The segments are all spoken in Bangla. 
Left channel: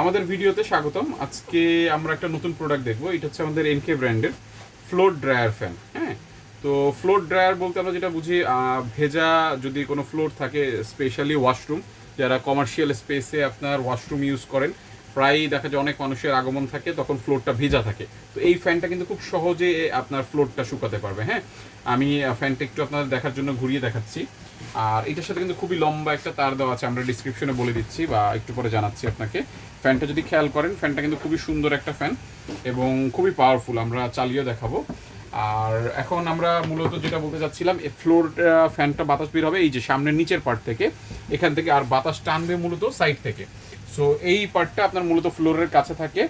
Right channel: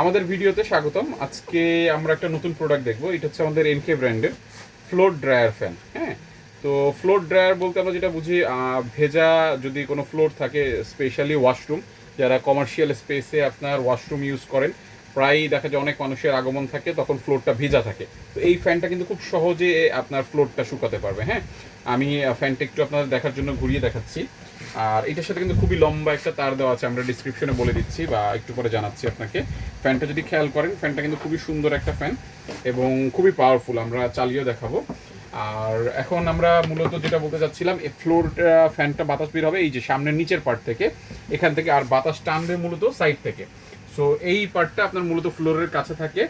আমাদের ভিডিওতে স্বাগতম। আজকে আমরা একটা নতুন প্রোডাক্ট দেখবো। এটা হচ্ছে আমাদের এনকে ব্র্যান্ডের ফ্লোর ড্রায়ার ফ্যান। হ্যাঁ, তো ফ্লোর ড্রায়ার বলতে আমরা যেটা বুঝি, ভেজা যদি কোনো ফ্লোর থাকে, স্পেশালি ওয়াশরুম, যারা কমার্শিয়াল স্পেসে আপনার ওয়াশরুম ইউজ করেন, প্রায়ই দেখা যায় অনেক মানুষের আগমন থাকে, তখন ফ্লোরটা ভেজা থাকে। তো এই ফ্যানটা কিন্তু খুব সহজে আপনার ফ্লোরটা শুকাতে পারবে। হ্যাঁ, আমি ফ্যানটা একটু আপনাদের দেখার জন্য ঘুরিয়ে দেখাচ্ছি। আর এটার সাথে কিন্তু খুবই লম্বা একটা তার দেওয়া আছে, আমরা ডিসক্রিপশনে বলে দিচ্ছি বা একটু পরে জানাচ্ছি আপনাকে। ফ্যানটা যদি খেয়াল করেন, ফ্যানটা কিন্তু খুবই সুন্দর একটা ফ্যান এবং খুবই পাওয়ারফুল, আমরা চালিয়েও দেখাবো। আর এখন আমরা মূলত যেটা বলতে চাচ্ছিলাম, এই ফ্লোর ফ্যানটা বাতাস বের হবে এই যে সামনের নিচের পার্ট থেকে, এখান থেকে, আর বাতাস টানবে মূলত সাইড থেকে। সো এই পার্টটা আপনার মূলত ফ্লোরের কাছে থাকে।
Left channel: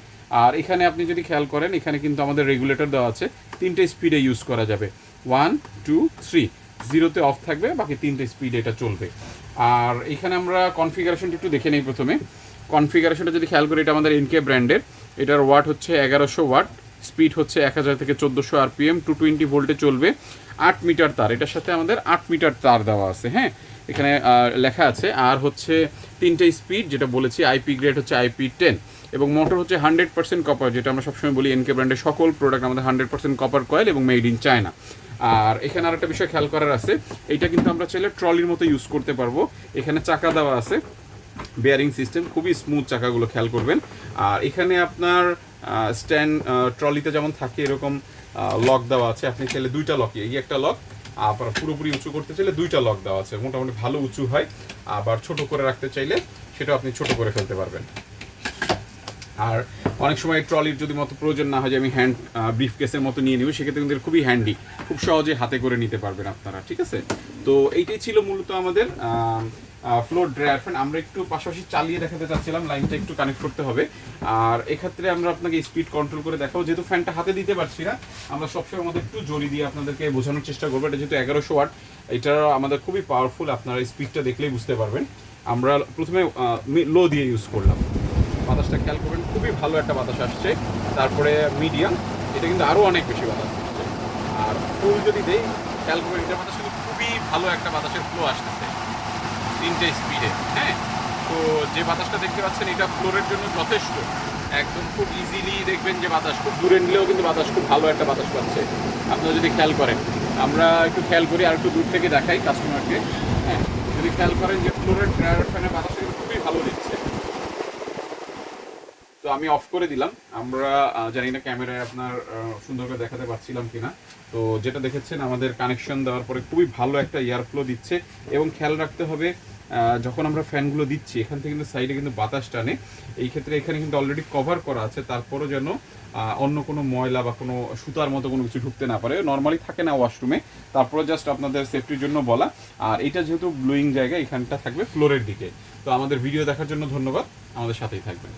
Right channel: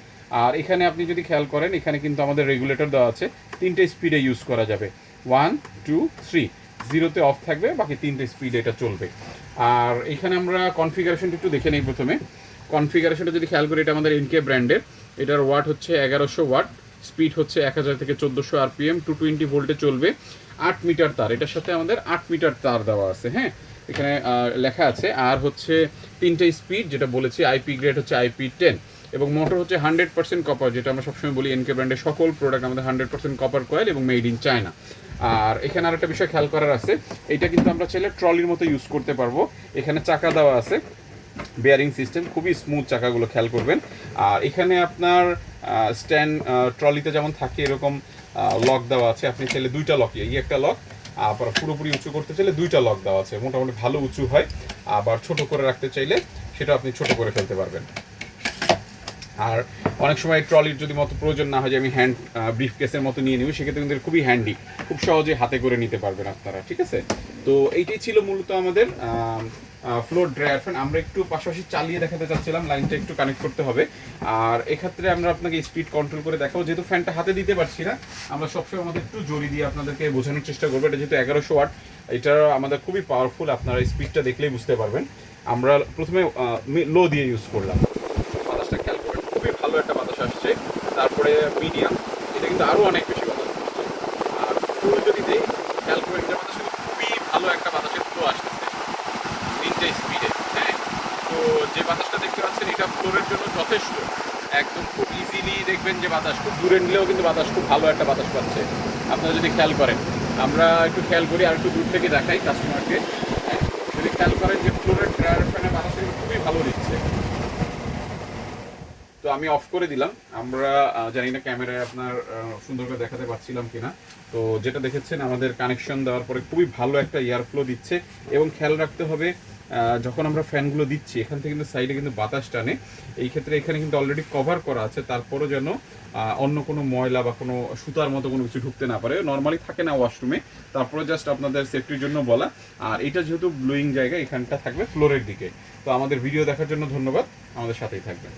আর এখানে আপনি যদি খেয়াল করেন, এখানে কিন্তু আমাদের রেগুলেটর দেওয়া আছে, 3টে স্পিডে ইউজ করা যাবে, 1 2 3। জিরোতে অফ থাকবে, বাকি 3টে স্পিডে এটা চলবে। আর এখানে আমরা কনফিগারেশনটা একটু দেখে নিই। প্রথমে কনফিগারেশনটা যদি খেয়াল করি, এটা আমাদের এনকে ব্র্যান্ডের। এটার ওয়াট হচ্ছে 1100 ওয়াট, স্পিড হচ্ছে 1000 থেকে 1400 আরপিএম, 220 ভোল্টে চলবে। 8 মিটার তার, এটার সাথে আমাদের 8 মিটার তার দেওয়া আছে। হ্যাঁ, এখানে লেখা আছে। আর হচ্ছে 3টে স্পিড, যেটা বলেছি, আইপি গ্রেড হচ্ছে IP10, এবং মোটর হচ্ছে 100% কপার, যেটা আমরা সবসময় বলি এনকে ব্র্যান্ডের সকল প্রোডাক্ট আমাদের 100% কপার কয়েল এবং মেড ইন চায়না। আর এখানে আর একটা বিষয় খেয়াল করার আছে, এটা কিন্তু আমরা চাইলে ট্রলির মতো ইউজ করতে পারবো। এখানে চাকা দেওয়া আছে, বেয়ারিং সিস্টেম, খুবই স্মুথ চাকাগুলো, খেয়াল করবেন। আর এখানে আপনার স্ট্যান্ড, ট্রলিতে যেমন থাকে এরকম লক দেওয়া আছে, আপনি চাইলে 2টা লক, এই একটা লক, আবার পুরোপুরি উঁচু করতে চাইলে 2টা লক দেওয়া আছে, মোটামুটি ভালো উঁচু হয়। আবার ছোট করে রাখতে চাইলে সেটা আপনি ছোট করে ফেলতে পারবেন। আর অনেক সময় ট্রলির যদি মতো প্রয়োজন না হয়, যে আমি হ্যান্ড ব্রিফ কেসের মতো নিয়ে নেব, সেক্ষেত্রে কিন্তু খুবই হ্যান্ডি, খুব সহজে হাতে করে নিতে পারবেন আপনারা। ঠিক আছে, তো এইটাই ছিল মূলত আমাদের ফ্লোর ড্রায়ার ফ্যান। আমরা একটু পাশাপাশি চালিয়ে দেখাতে চাচ্ছিলাম, লাইনটা একটু কানেক্ট করতে হবে। আর এক্ষেত্রে আমরা আপনাকে স্পিড কন্ট্রোল করে দেখাবো, যেহেতু ফ্যানটা হাতে দিতে পারছি না, আমরা সবসময় আমাদের একটু জড়ি দিয়ে আপনাদেরকে বোঝানোর চেষ্টা করবো। এটা যেহেতু 1100 ওয়াট, এটা আমাদের খুবই পাওয়ারফুল, আপনারা স্পিডটা দেখলেই বুঝতে পারবেন। আমরা প্রথমে লো দিয়ে ইউজ করলাম, বাতাসটা খেয়াল করবেন, খুবই ভালো একটা বাতাস আসছে। তারপরে মিডিয়াম, এটা কিন্তু আরও অনেক বেশি বাতাস। আর ফুল যদি দেই, খেয়াল করবেন, এটার মধ্যে কিন্তু খুবই ভালো একটা বাতাসের ফ্লো আসতেছে 3টে স্পিডে। হ্যাঁ, তো যে বাতাসটা দেখতে পাচ্ছেন, এটা ফ্লোরের জন্য যথেষ্ট, একদম খুব ইজিলি দেখবেন যে বাতাস খুব দূরে নিলেও কিন্তু বাতাস, খুব ভালো একটা বাতাস পাচ্ছে আপনারা যদি খেয়াল করেন। আমরা একটু খেয়াল করি, আর একটু দূর থেকে দেখাই কাস্টমারকে। যদি খেয়াল করেন যে ফ্লোরের ড্রায়ার ফ্যানে বাতাসের খুবই ভালো দিচ্ছে। তো আমি অফ করে দিলাম। আমরা জানি না ক্যামেরায় আপনার সুন্দর করে দেখাতে পারছিলাম কিনা। তো যেটা দেখেছেন, আমাদের কানেকশন দেওয়ার পরে খুবই ভালো একটা এয়ার ফ্লো দিচ্ছে। এবং খেয়াল রাখতে হবে, যখন আমরা ফ্যানগুলো দিচ্ছি, এখান থেকে কিন্তু সাইডে কিন্তু বাতাস টানে। এই ক্ষেত্রে এখানে কিন্তু অলরেডি কভার করা আছে, তারপরও যেন অন্য কোনো ময়লা বা কোনো সুতার মতো কোনো কিছু ঢুকতে না পারে। নর্মালি থাকে না ওয়াশরুমে, তারপরে জাস্ট আপনাদের সেফটির জন্য বলা। আর এটা যেহেতু ব্লুইং জায়গা, এখানটা থাকবে ফ্লোরের দিকে। তো আমাদের ভিডিও দেখার জন্য ধন্যবাদ, আমাদের সাথেই থাকবেন।